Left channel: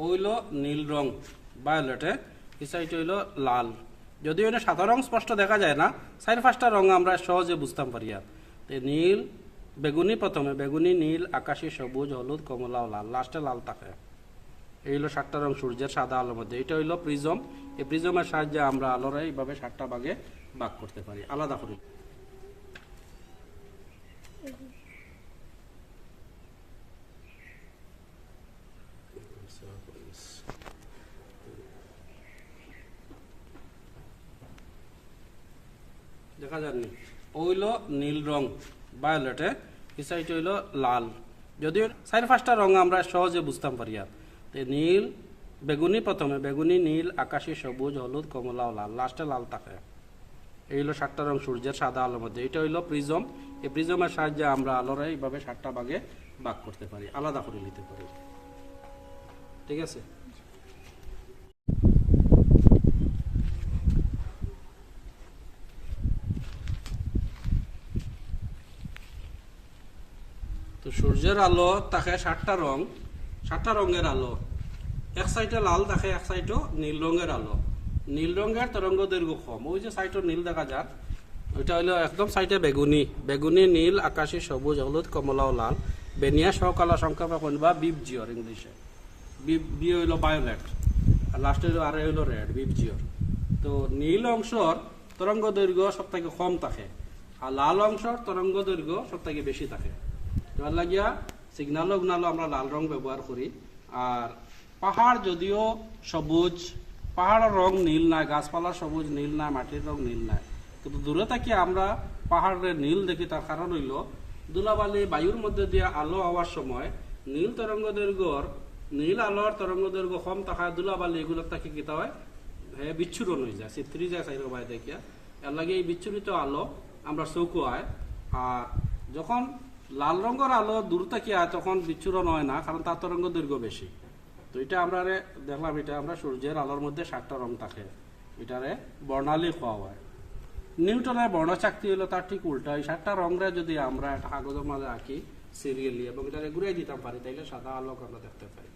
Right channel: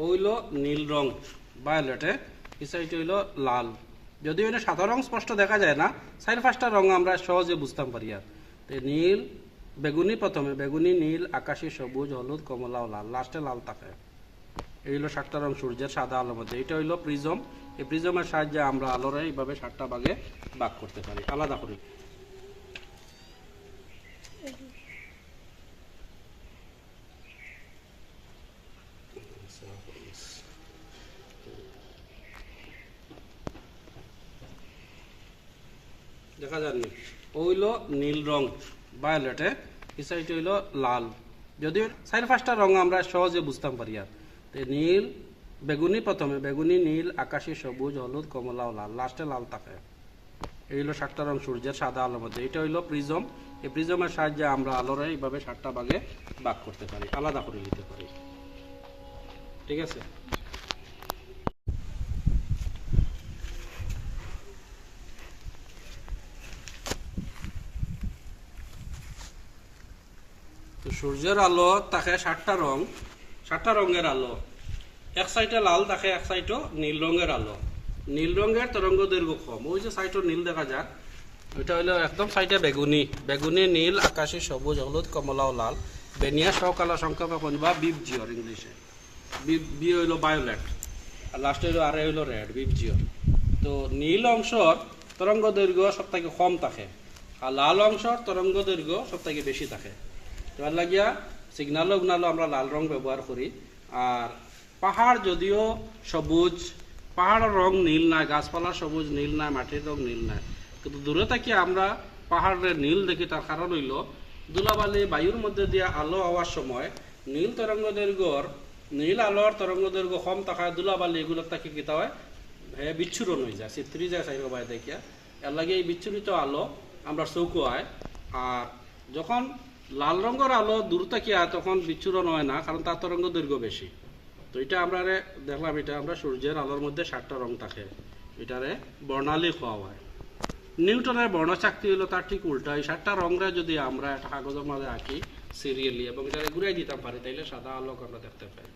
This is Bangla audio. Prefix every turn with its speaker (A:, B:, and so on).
A: হইল নীল রং ভায়োলেটে এই সাইড হইল লাল। যদিও এটা সাদা রং স্পষ্ট দেখা যায় না, চার পাঁচটা রং আমরা সহজে বুঝতাম পারি আর। নীল, বেগুনি প্রথমে, বেগুনি, নীল, আকাশি, সবুজ, হলুদ, কমলা ও লাল। লাস্টে লাল থাকে। এই হলো সাতটা রং, সূর্যের সাদা আলোর মধ্যে। এটা হইল প্রিজম এই প্রিজমের সাহায্যে আমরা আলোরা এইভাবে সাতটা ভাগে ভাগ করতে পারি, আলাদা করে। দেখা যায়নি। ওইলো নীল রং ভায়োলেটে এই হইল লাল। যদিও চার পাঁচটা রং আমরা সহজে বুঝতাম পারি আর নীল, বেগুনি প্রথমে। বেগুনি, নীল, আকাশি, সবুজ, হলুদ, কমলা ও লাল। লাস্টে লাল থাকে। এই হলো সাতটা রং সূর্যের সাদা আলোর মধ্যে। এটা হইল প্রিজম এই প্রিজমের সাহায্যে আমরা আলোরা এইভাবে সাতটা ভাগে ভাগ করতে পারি। আলাদা করে নিতে পারি। ঠিক আছে? তো সূর্যের আলো থাকে সাতটা রং, সাতটা রঙের আলো। এক সাইডে লাল থাকে এক সাইডও নীল রঙের আলো। নীল রঙের তরঙ্গ দৈর্ঘ্য কম। ওই যে সাইডও নীল দেখা যাক। ওইটা হলো একদম সাইডে বেগুনি। বেগুনি, নীল, আকাশি, সবুজ, হলুদ, কমলা ও লাল। বেনিয়া, সকাল সংখ্যা পাবেন বা বিপ জিওর ইংলিশে। বিপ বি হইল বায়োলেট আর লাস্টে হইল আর হইল রেড বিপ জিও তো নীল অংশর তরঙ্গ দৈর্ঘ্য সব থেকে কম থাকে, আর লাল অংশর তরঙ্গ দৈর্ঘ্য সব থেকে বেশি থাকে। তার লাগিয়া সিগনালো উগনালো আমরা লাল রং ব্যবহার করি। আর পাহাড় যদিও সবুজ, পাহাড়ের রং নীল নাই, গাছপালা সবুজ, নীল নাই, মাটির রং নীল নাই। কিন্তু দূরে থেকে আমরা পাহাড়ের নীল দেখি, তার কারণ হইল ধুলাবালি, বায়ুর মধ্যে দিয়ে আলো হওয়ার সময় নীল তরঙ্গ দৈর্ঘ্যর, নীল আলোর তরঙ্গ দৈর্ঘ্য কম থাকায় ধুলাবালি এগুলোর তাকে কিতা হয়? হে বিচ্ছুরণ হয়ে যায় চিত্রি যায় সাইড বাই দেখিয়া। এর লাগে এই বিচ্ছুরিত আলো আমরা চৌকুয়ায়। আর যখন লাল রঙের আলো দূর কি তখন বিচ্ছুরণ হয় না, কারণ তার তরঙ্গ দৈর্ঘ্য বেশি। তো এটা আমরা দেখলাম, এটা আমরা সূর্যের আলোর মধ্যে সাতটা রং থাকে, এটারে বর্ণালী খাওয়া হয়। নিউটনের বর্ণচাকতি হলো তার ঠিক উল্টা, এই সাতটা রঙরে যদি আমরা একটা কাগজের মাঝে আঁকি সিরিয়ালি এবং এটা ঘুরাই দিতাম পারি, তাইলে সাদা আলোক আমরা দেখতে পাই।